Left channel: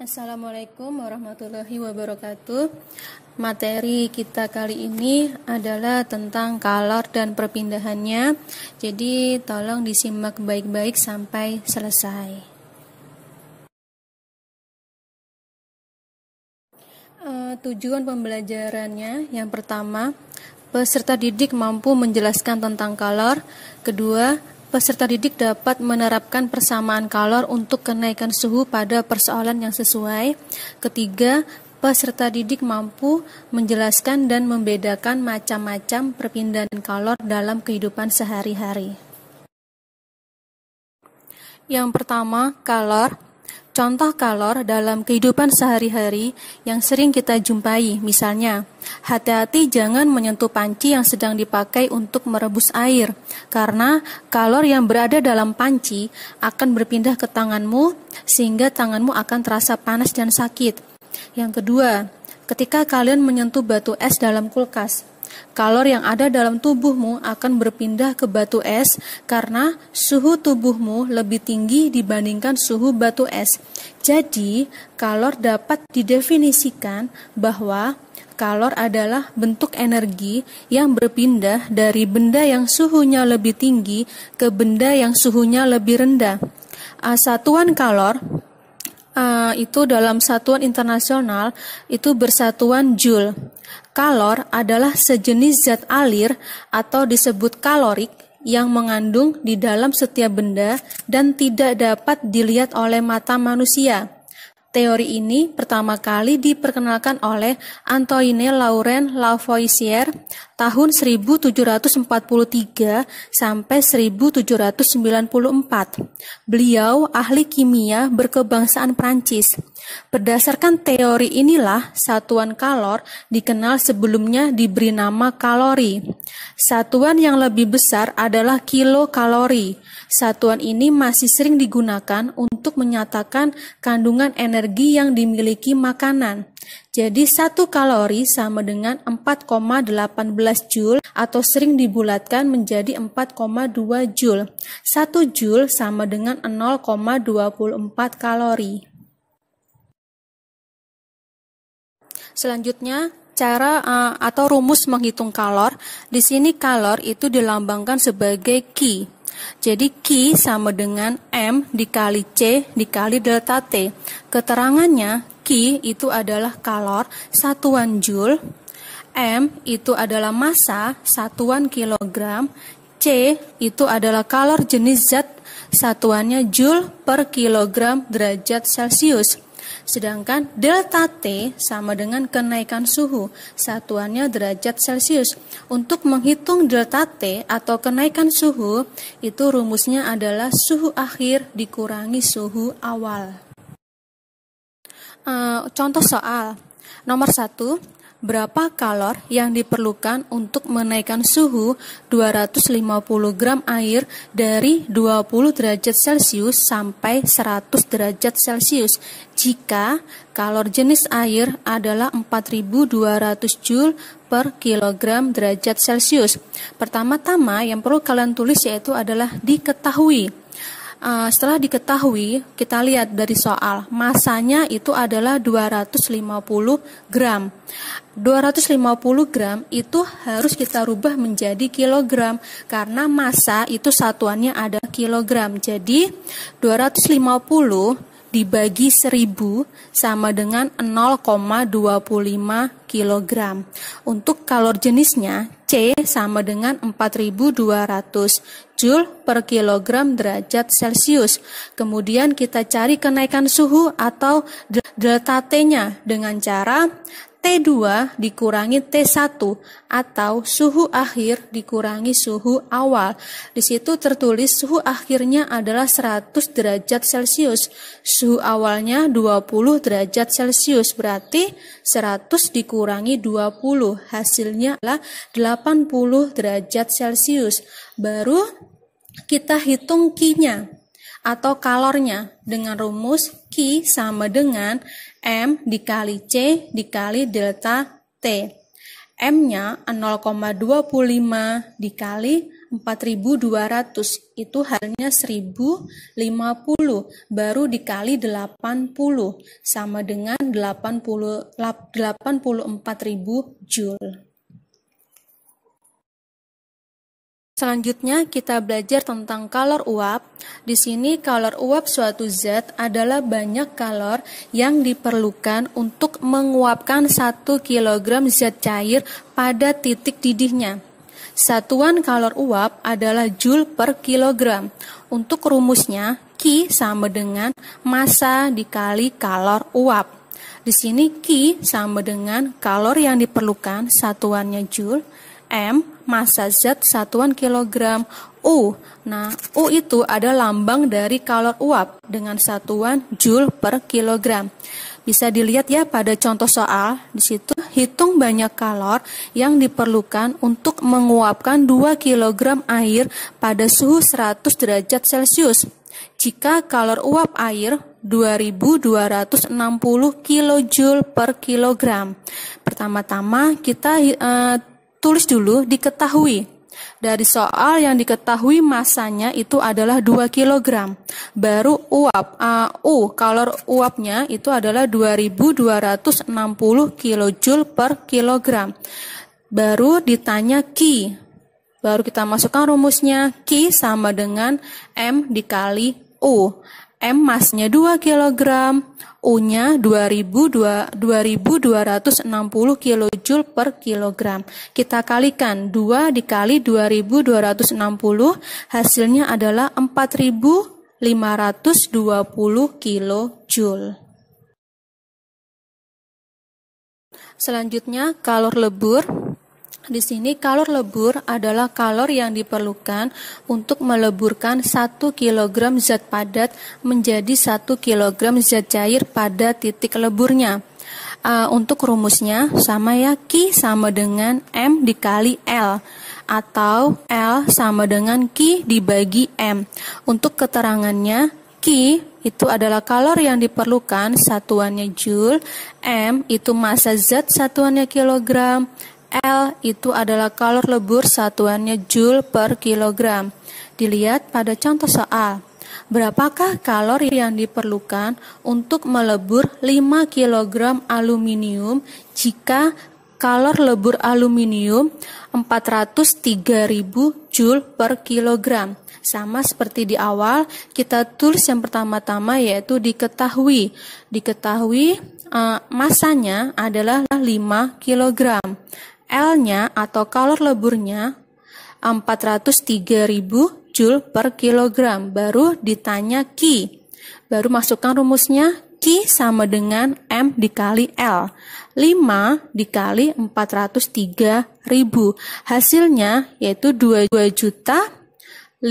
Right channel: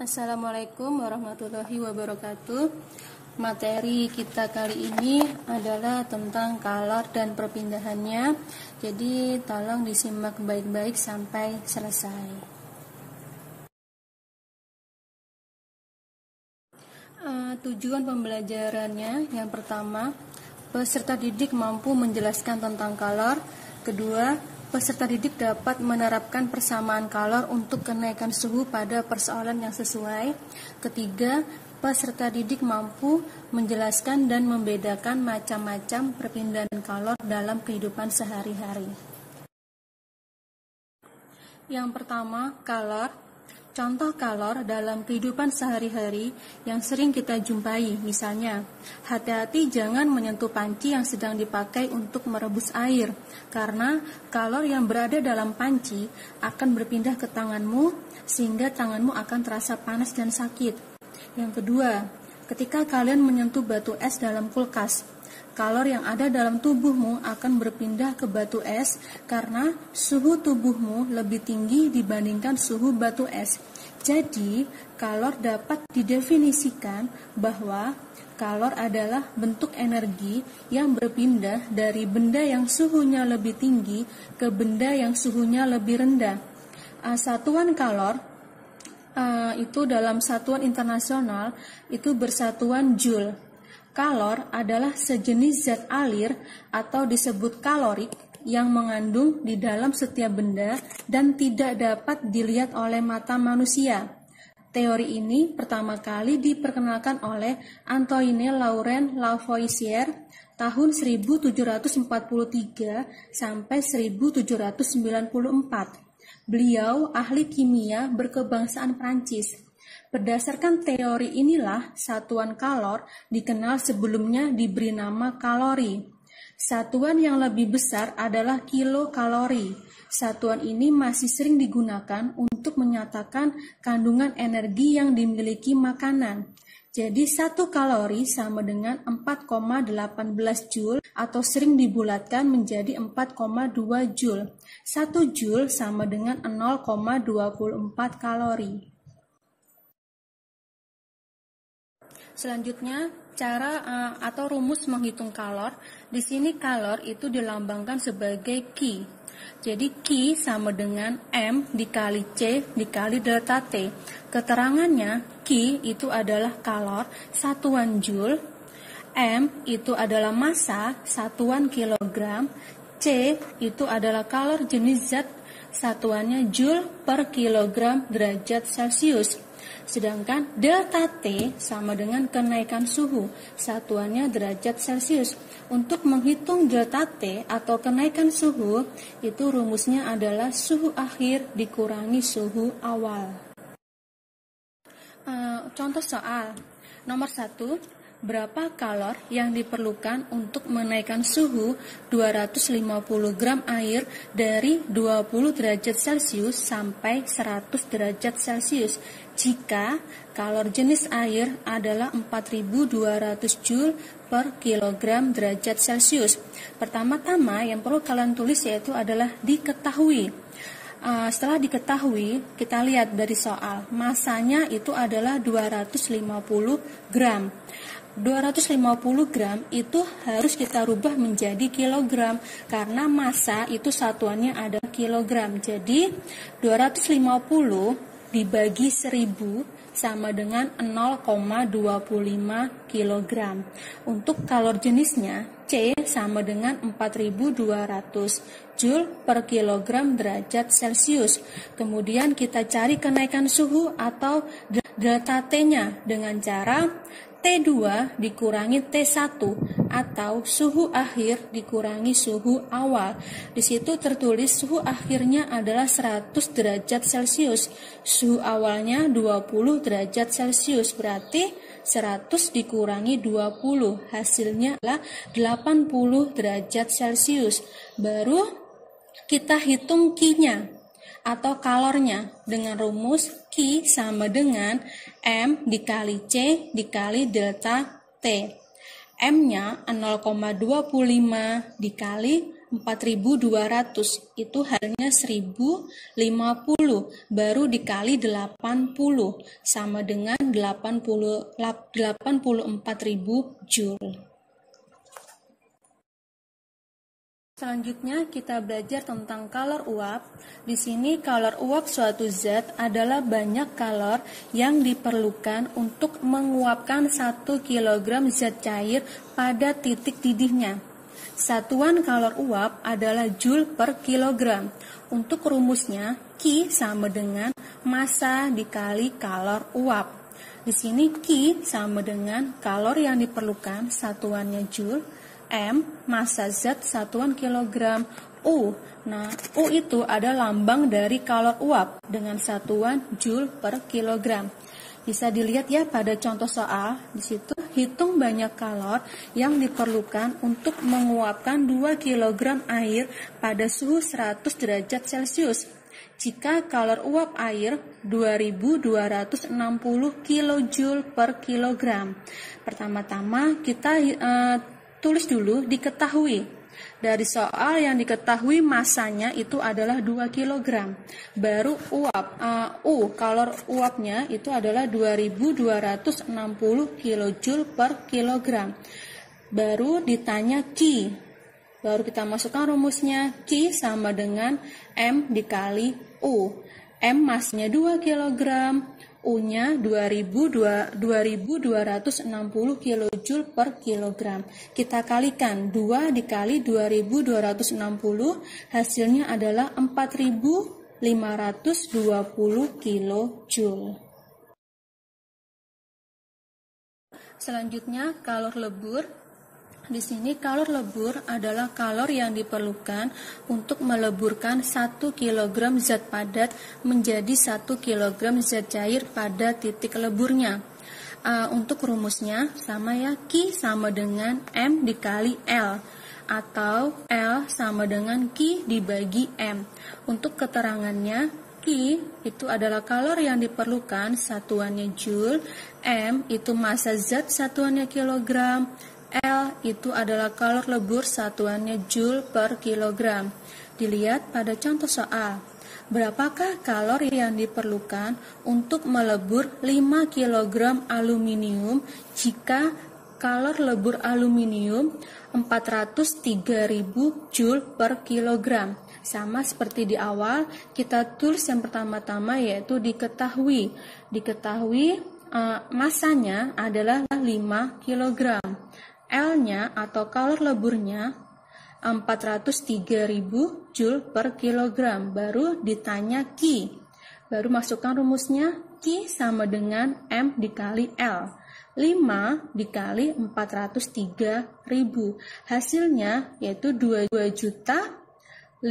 Assalamualaikum warahmatullahi wabarakatuh. Materi kita kali ini adalah tentang kalor dan perpindahannya. Jadi tolong disimak baik-baik sampai selesai. Tujuan pembelajarannya yang pertama, peserta didik mampu menjelaskan tentang kalor. Kedua, peserta didik dapat menerapkan persamaan kalor untuk kenaikan suhu pada persoalan yang sesuai. Ketiga, peserta didik mampu menjelaskan dan membedakan macam-macam perpindahan kalor dalam kehidupan sehari-hari. Yang pertama, kalor. Contoh kalor dalam kehidupan sehari-hari yang sering kita jumpai, misalnya, hati-hati jangan menyentuh panci yang sedang dipakai untuk merebus air, karena kalor yang berada dalam panci akan berpindah ke tanganmu, sehingga tanganmu akan terasa panas dan sakit. Yang kedua, ketika kalian menyentuh batu es dalam kulkas, kalor yang ada dalam tubuhmu akan berpindah ke batu es karena suhu tubuhmu lebih tinggi dibandingkan suhu batu es. Jadi, kalor dapat didefinisikan bahwa kalor adalah bentuk energi yang berpindah dari benda yang suhunya lebih tinggi ke benda yang suhunya lebih rendah. Satuan kalor itu dalam satuan internasional itu bersatuan Joule. Kalor adalah sejenis zat alir atau disebut kalorik yang mengandung di dalam setiap benda dan tidak dapat dilihat oleh mata manusia. Teori ini pertama kali diperkenalkan oleh Antoine Laurent Lavoisier tahun 1743 sampai 1794. Beliau ahli kimia berkebangsaan Prancis. Berdasarkan teori inilah satuan kalor dikenal sebelumnya diberi nama kalori. Satuan yang lebih besar adalah kilokalori. Satuan ini masih sering digunakan untuk menyatakan kandungan energi yang dimiliki makanan. Jadi 1 kalori sama dengan 4,18 Joule atau sering dibulatkan menjadi 4,2 Joule. 1 Joule sama dengan 0,24 kalori. Selanjutnya, cara atau rumus menghitung kalor. Di sini kalor itu dilambangkan sebagai Q. Jadi Q sama dengan M dikali C dikali delta T. Keterangannya Q itu adalah kalor satuan Joule, M itu adalah massa satuan kilogram, C itu adalah kalor jenis zat satuannya Joule per kilogram derajat Celcius. Sedangkan delta T sama dengan kenaikan suhu, satuannya derajat Celcius. Untuk menghitung delta T atau kenaikan suhu, itu rumusnya adalah suhu akhir dikurangi suhu awal. Contoh soal. Nomor 1. Berapa kalor yang diperlukan untuk menaikkan suhu 250 gram air dari 20 derajat Celcius sampai 100 derajat Celcius jika kalor jenis air adalah 4200 Joule per kilogram derajat Celcius. Pertama-tama yang perlu kalian tulis yaitu adalah diketahui. Setelah diketahui, kita lihat dari soal, masanya itu adalah 250 gram. 250 gram itu harus kita rubah menjadi kilogram karena massa itu satuannya ada kilogram. Jadi 250 dibagi 1000 sama dengan 0,25 kilogram. Untuk kalor jenisnya C sama dengan 4200 Joule per kilogram derajat Celcius. Kemudian kita cari kenaikan suhu atau delta T-nya dengan cara T2 dikurangi T1 atau suhu akhir dikurangi suhu awal. Di situ tertulis suhu akhirnya adalah 100 derajat Celcius. Suhu awalnya 20 derajat Celcius. Berarti 100 dikurangi 20. Hasilnya adalah 80 derajat Celcius. Baru kita hitung Q-nya atau kalornya dengan rumus Q sama dengan M dikali C dikali delta T. M-nya 0,25 dikali 4200, itu halnya 1050, baru dikali 80, sama dengan 84.000 Joule. Selanjutnya kita belajar tentang kalor uap. Di sini kalor uap suatu zat adalah banyak kalor yang diperlukan untuk menguapkan 1 kg zat cair pada titik didihnya. Satuan kalor uap adalah Joule per kilogram. Untuk rumusnya, Q sama dengan massa dikali kalor uap. Di sini Q sama dengan kalor yang diperlukan, satuannya Joule, M, massa zat satuan kilogram, U. Nah, U itu ada lambang dari kalor uap dengan satuan Joule per kilogram. Bisa dilihat ya pada contoh soal, di situ hitung banyak kalor yang diperlukan untuk menguapkan 2 kg air pada suhu 100 derajat Celcius. Jika kalor uap air 2260 kJ per kilogram. Pertama-tama kita tulis dulu diketahui. Dari soal yang diketahui masanya itu adalah 2 kg. Baru uap, kalor uapnya itu adalah 2260 kJ per kilogram. Baru ditanya Q. Baru kita masukkan rumusnya, Q sama dengan M dikali U. M masnya 2 kg, U-nya 2260 kJ per kilogram. Kita kalikan 2 dikali 2260, hasilnya adalah 4520 kJ. Selanjutnya kalor lebur. Di sini kalor lebur adalah kalor yang diperlukan untuk meleburkan 1 kg zat padat menjadi 1 kg zat cair pada titik leburnya. Untuk rumusnya sama ya, Q sama dengan M dikali L, atau L sama dengan Q dibagi M. Untuk keterangannya, Q itu adalah kalor yang diperlukan, satuannya Joule, M itu massa zat satuannya kilogram, L itu adalah kalor lebur satuannya Joule per kilogram. Dilihat pada contoh soal. Berapakah kalor yang diperlukan untuk melebur 5 kg aluminium jika kalor lebur aluminium 403.000 Joule per kilogram? Sama seperti di awal, kita tulis yang pertama-tama yaitu diketahui. Masanya adalah 5 kg. L-nya atau kalor leburnya 403.000 Joule per kilogram. Baru ditanya Q. Baru masukkan rumusnya, Q sama dengan M dikali L. 5 dikali 403.000. Hasilnya yaitu 2.015.000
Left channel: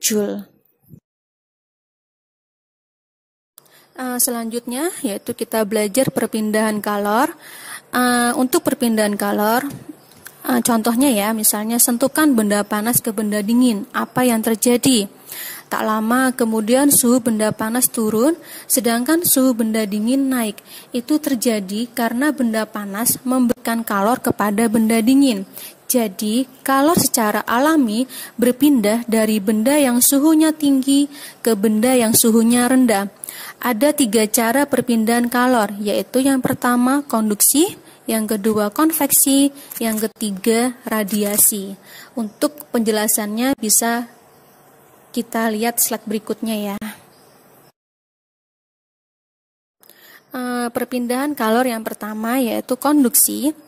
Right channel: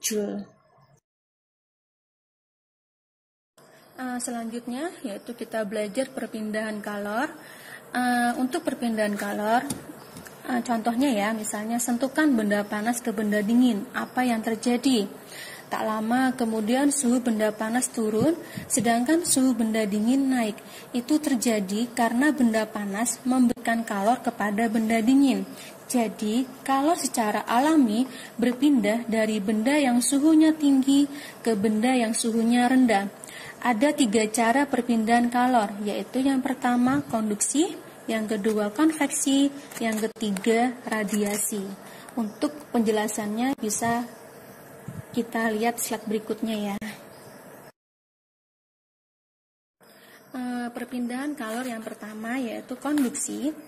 Joule. Selanjutnya yaitu kita belajar perpindahan kalor. Untuk perpindahan kalor, contohnya ya, misalnya sentuhkan benda panas ke benda dingin, apa yang terjadi? Tak lama kemudian suhu benda panas turun, sedangkan suhu benda dingin naik. Itu terjadi karena benda panas memberikan kalor kepada benda dingin. Jadi, kalor secara alami berpindah dari benda yang suhunya tinggi ke benda yang suhunya rendah. Ada 3 cara perpindahan kalor, yaitu yang pertama konduksi, yang kedua konveksi, yang ketiga radiasi. Untuk penjelasannya bisa kita lihat slide berikutnya ya. Perpindahan kalor yang pertama yaitu konduksi.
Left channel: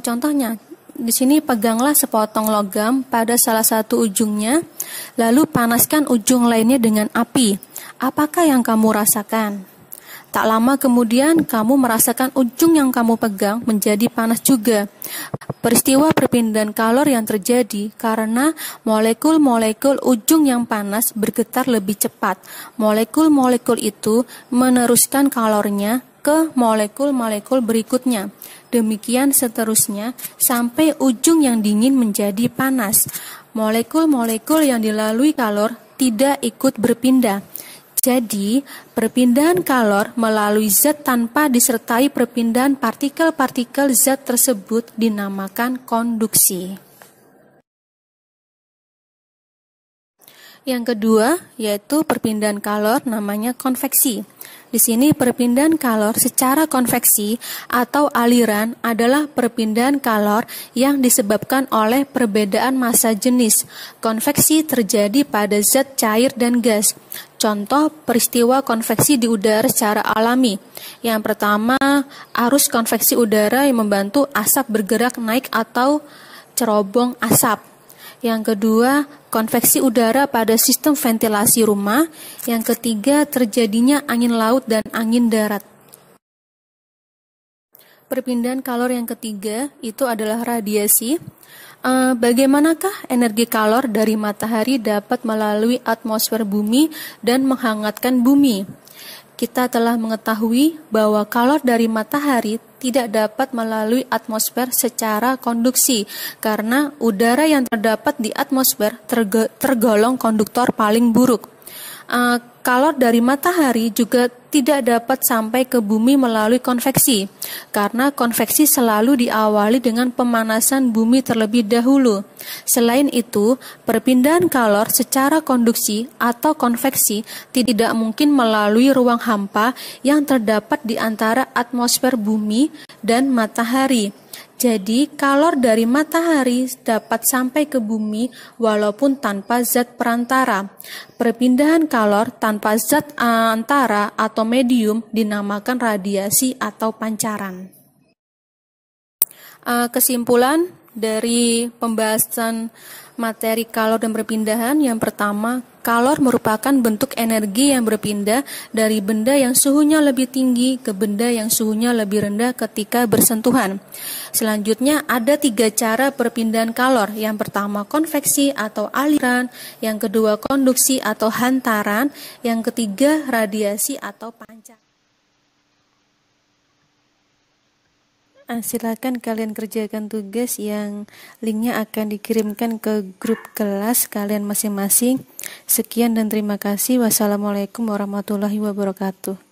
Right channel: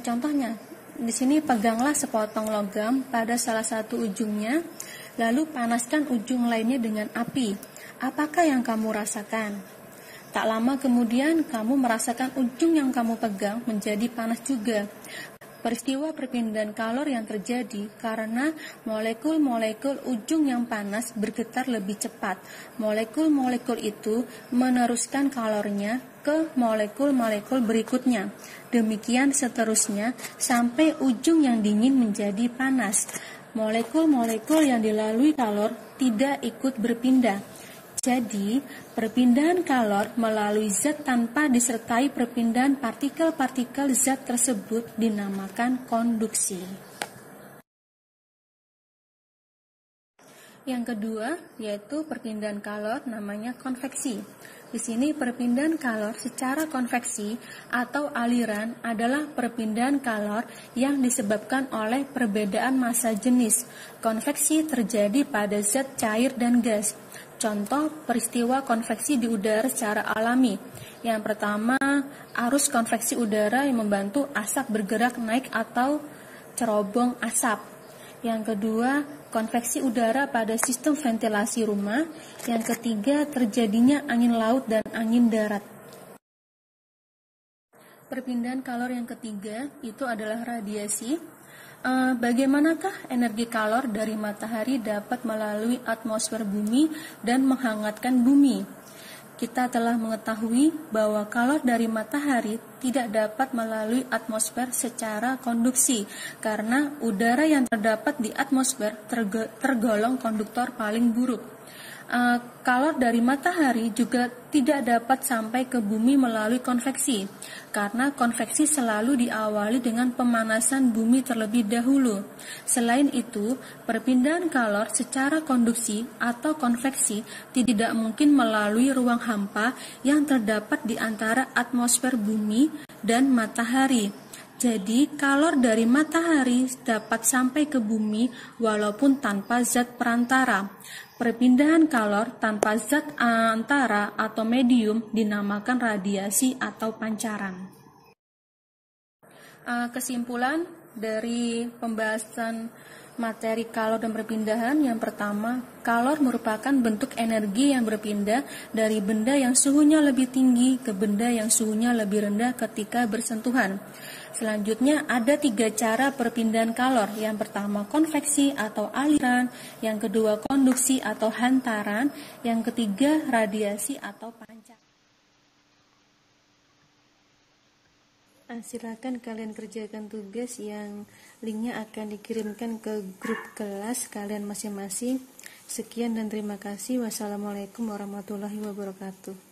Contohnya, di sini peganglah sepotong logam pada salah satu ujungnya, lalu panaskan ujung lainnya dengan api. Apakah yang kamu rasakan? Tak lama kemudian kamu merasakan ujung yang kamu pegang menjadi panas juga. Peristiwa perpindahan kalor yang terjadi karena molekul-molekul ujung yang panas bergetar lebih cepat. Molekul-molekul itu meneruskan kalornya ke molekul-molekul berikutnya. Demikian seterusnya sampai ujung yang dingin menjadi panas. Molekul-molekul yang dilalui kalor tidak ikut berpindah. Jadi, perpindahan kalor melalui zat tanpa disertai perpindahan partikel-partikel zat tersebut dinamakan konduksi. Yang kedua yaitu perpindahan kalor namanya konveksi. Di sini perpindahan kalor secara konveksi atau aliran adalah perpindahan kalor yang disebabkan oleh perbedaan massa jenis. Konveksi terjadi pada zat cair dan gas. Contoh peristiwa konveksi di udara secara alami. Yang pertama, arus konveksi udara yang membantu asap bergerak naik atau cerobong asap. Yang kedua, konveksi udara pada sistem ventilasi rumah. Yang ketiga, terjadinya angin laut dan angin darat. Perpindahan kalor yang ketiga itu adalah radiasi. Bagaimanakah energi kalor dari matahari dapat melalui atmosfer bumi dan menghangatkan bumi? Kita telah mengetahui bahwa kalor dari matahari tidak dapat melalui atmosfer secara konduksi karena udara yang terdapat di atmosfer tergolong konduktor paling buruk. Kalor dari matahari juga tidak dapat sampai ke bumi melalui konveksi karena konveksi selalu diawali dengan pemanasan bumi terlebih dahulu. Selain itu, perpindahan kalor secara konduksi atau konveksi tidak mungkin melalui ruang hampa yang terdapat di antara atmosfer bumi dan matahari. Jadi, kalor dari matahari dapat sampai ke bumi walaupun tanpa zat perantara. Perpindahan kalor tanpa zat antara atau medium dinamakan radiasi atau pancaran. Kesimpulan dari pembahasan materi kalor dan perpindahan, yang pertama, kalor merupakan bentuk energi yang berpindah dari benda yang suhunya lebih tinggi ke benda yang suhunya lebih rendah ketika bersentuhan. Selanjutnya ada 3 cara perpindahan kalor. Yang pertama konveksi atau aliran, yang kedua konduksi atau hantaran, yang ketiga radiasi atau pancaran. Silakan kalian kerjakan tugas yang linknya akan dikirimkan ke grup kelas kalian masing-masing. Sekian dan terima kasih. Wassalamualaikum warahmatullahi wabarakatuh.